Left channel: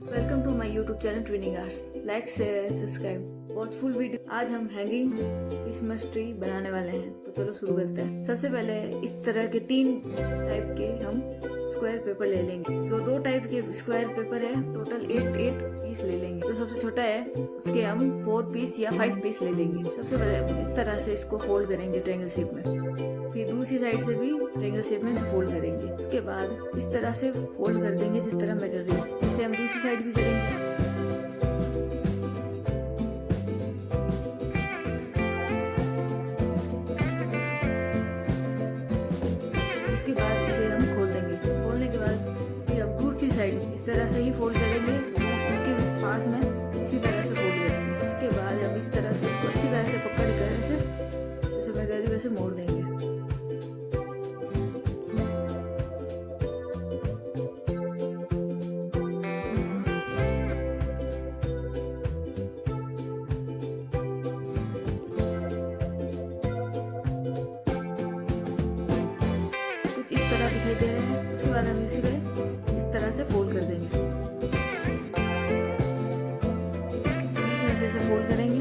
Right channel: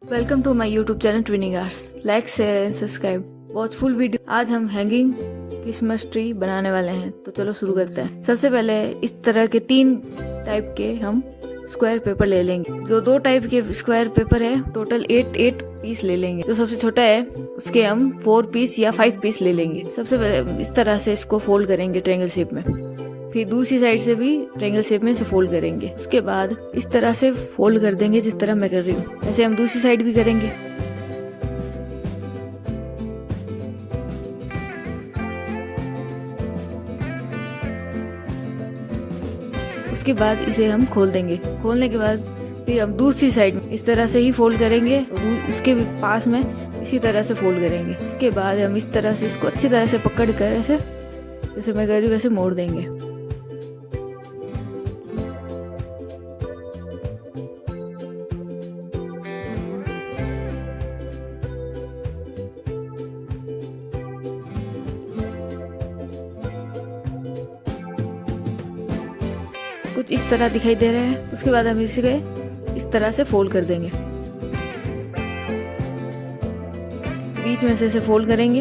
Welcome to my YouTube channel twinning arts. Like share and subscribe watch full video. आज हम hanging Christmas tree बनाने वाले हैं, तो चलो शुरू करते हैं। सबसे पहले इस तरह के 3 टाइप के हम स्क्वायर पेपर ले लेंगे। जो 2 टाइप के स्क्वायर पेपर है टोटल 8 पीस ले लेंगे। जो सबसे छोटा है उसके हम 4 पीस या 5 पीस ले लेंगे। सबसे पहले इस तरह से इसको फोल्ड करेंगे ट्रायंगल शेप में, फिर दूसरी साइड से भी ट्रायंगल शेप में इसे फोल्ड करेंगे। उसके बाद इस तरह से फोल्ड कर देंगे जिस तरह मैं कर रही हूँ। ऐसे हम दूसरी साइड भी करेंगे। उसके बाद इसे हम खोल देंगे। खोलने के बाद फिर हम दूसरी साइड में इस तरह से ही फोल्ड करेंगे, उसके भी पास में इसी तरह से फोल्ड करेंगे। उसके बाद हम इस तरह से इसको अच्छी तरह से पकड़ कर ऐसे जैसे मैं कर रही हूँ वैसे मोड़ देंगे। कुछ इस तरह दिखाई दे रहे हैं। उसके बाद हम इसे इस तरह से फोल्ड कर देंगे। बीच में से इसे फोल्ड करेंगे।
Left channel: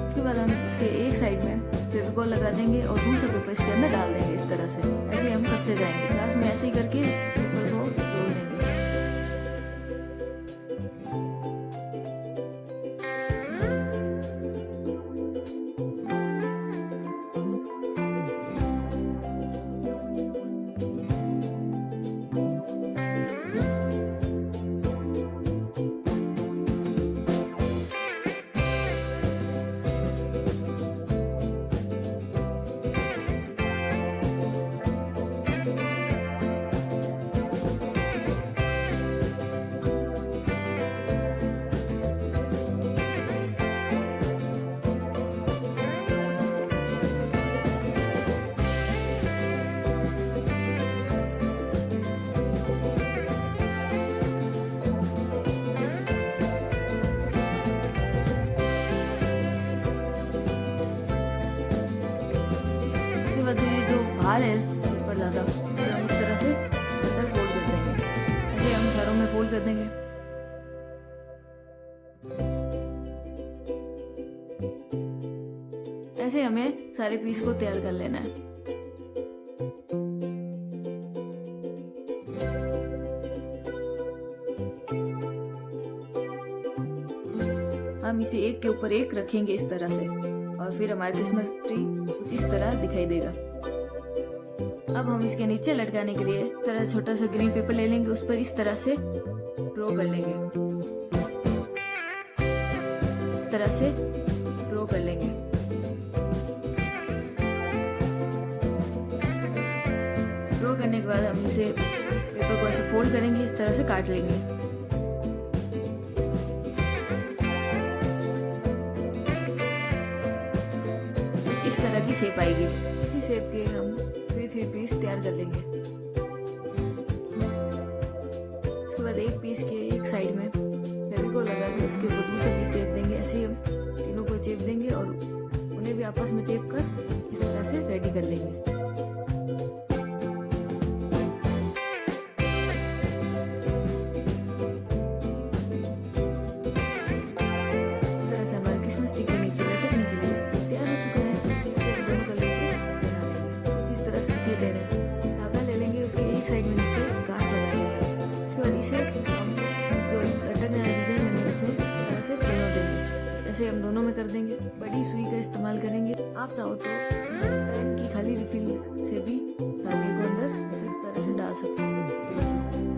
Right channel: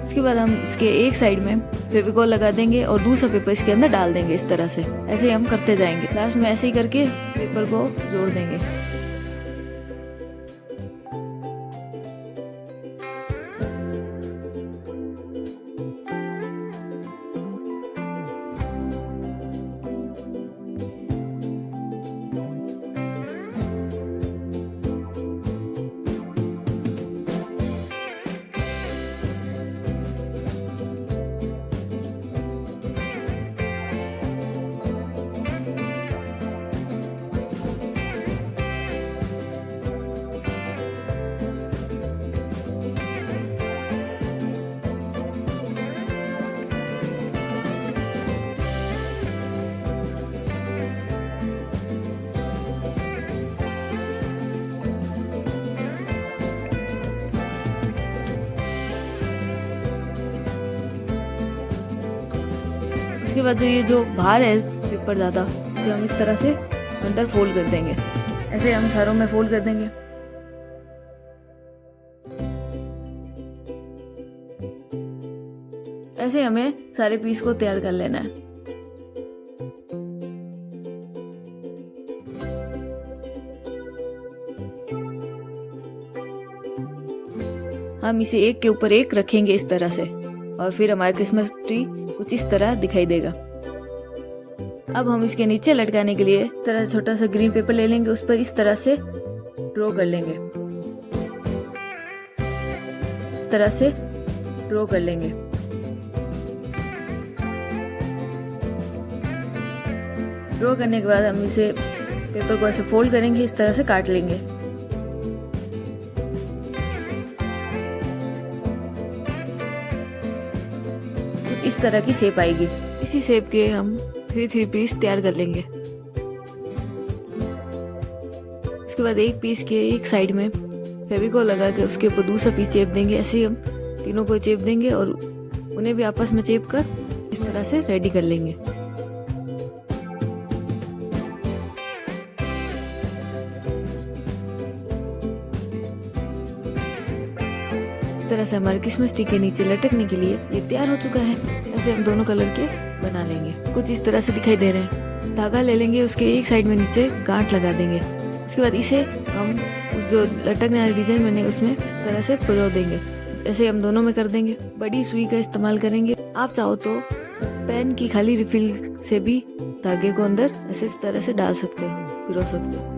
उसके बाद हम इसके एक साइड में फेविकॉल लगा देंगे और दूसरा पेपर इसके अंदर डाल देंगे इस तरह से। ऐसे हम करते जाएंगे। लास्ट में ऐसे ही करके पेपर को जोड़ देंगे। उसके बाद जो बाहर है पेपर ज़्यादा तो हम इस तरह से अंदर फोल्ड कर देंगे। ऐसे हम सारों में फोल्ड कर देंगे। ऐसे हमें सारे पीस को तैयार कर लेना है। हम इसे एक के ऊपर एक रखेंगे इस तरह से, और फिर हमारा क्रिसमस ट्री कुछ इस तरह दिखाई देगा। अब हम इसके नीचे लटकाने के लिए तरह छोटा सा ग्रीन पेपर ले लेंगे, उस पर इस तरह से ड्रॉ कर लेंगे। इस तरह से ड्रॉ कर लेंगे। ड्रॉ करने के बाद हम इसे पेपर को ऐसे फोल्ड करेंगे, इस तरह से काट लेंगे। इस तरह की शेप आएगी। इसी शेप के हम 3 पीस तैयार कर लेंगे। इसके बाद एक पीस के एक साइड में फेविकॉल लगा के उसके ऊपर दूसरा पीस चेप देंगे। ऐसे ही हम तीनों को चेप देंगे और उन्हें भी आपस में चेप कर इस तरह से रेडी कर लेंगे। इस तरह से हमारे क्रिसमस ट्री के नीचे लटकने के लिए ये तैयार हो चुका है। ऐसे हम दोनों कलर के बना लेंगे। कुछ इस तरह से दिखाई दे रहे हैं। धागा ले लेंगे, उसके एक साइड में नीचे गांठ लगा देंगे। उसके बाद इसे हम जो लटकने वाली डिजाइन बने उसमें इस तरह से पिरो देंगे। ऐसे हम दोनों में कर देंगे। बड़ी सुई का इस्तेमाल करेंगे। आप चाहो तो पेन की खाली रिफिल से भी धागे को अंदर ऐसे इस तरह से डाल सकते हैं, पिरो सकते हैं।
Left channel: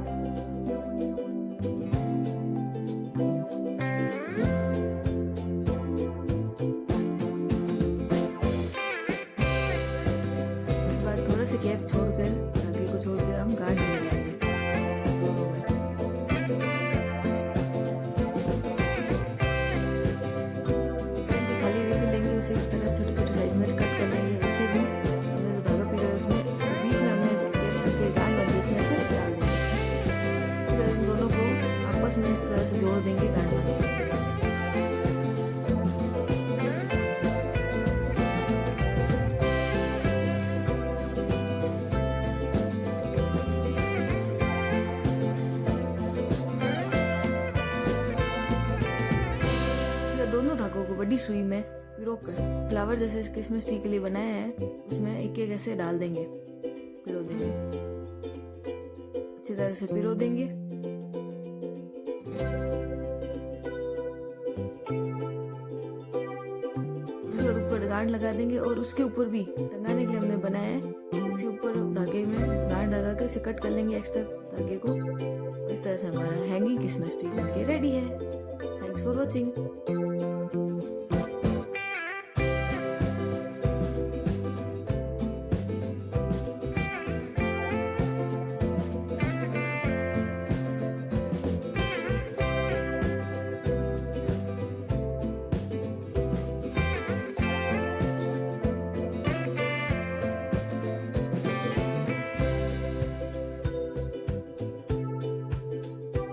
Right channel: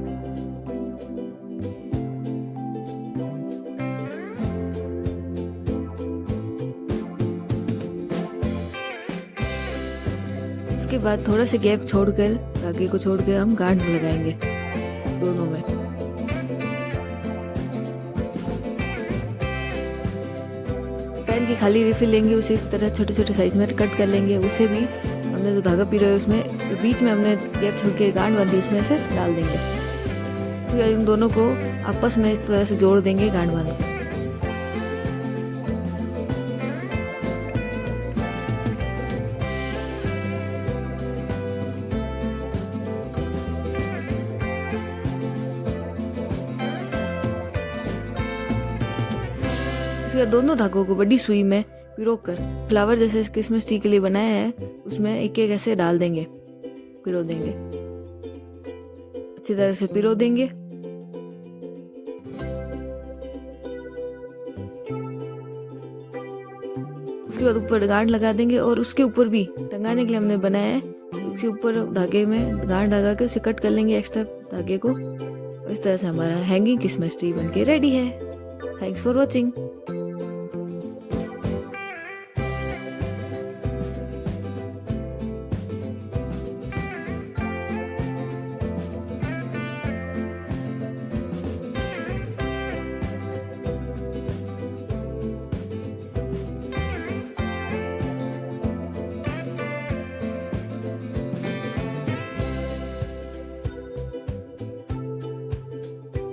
उसके बाद थोड़ा सा गैप छोड़कर धागे को छोड़कर हम गांठ लगाएंगे दोनों में। पेन की खाली रिफिल लेंगे, उसे इस तरह छोटे छोटे साइज में कट कर लेंगे। उसे भी हमने जो धागा पी रहा है उसमें तो बीच में हमने गैप छोड़ के गांठ बांधी उसमें से डाल देंगे। उसके बाद इन दोनों को आपस में इस तरह से जोड़ देंगे गांठ बांध। बाद दोनों धागों को बड़ी सुई में पिरोकर फ्लावर जैसे क्रिसमस ट्री के लिए बनाया है उसमें एक एक ऐसे डाल देंगे, पिरो देंगे, अच्छी तरह से पिरो देंगे। उसके बाद ऊपर गांठ लगा देंगे और उसके ऊपर भी टंगाने के लिए हमने बनाया है, उसके ऊपर धागे में गांठ लगा के उसे कट कर लेंगे एक्स्ट्रा धागे को। इस तरह से हमारा हैंगिंग क्रिसमस ट्री बनके रेडी है। Thanks for watching.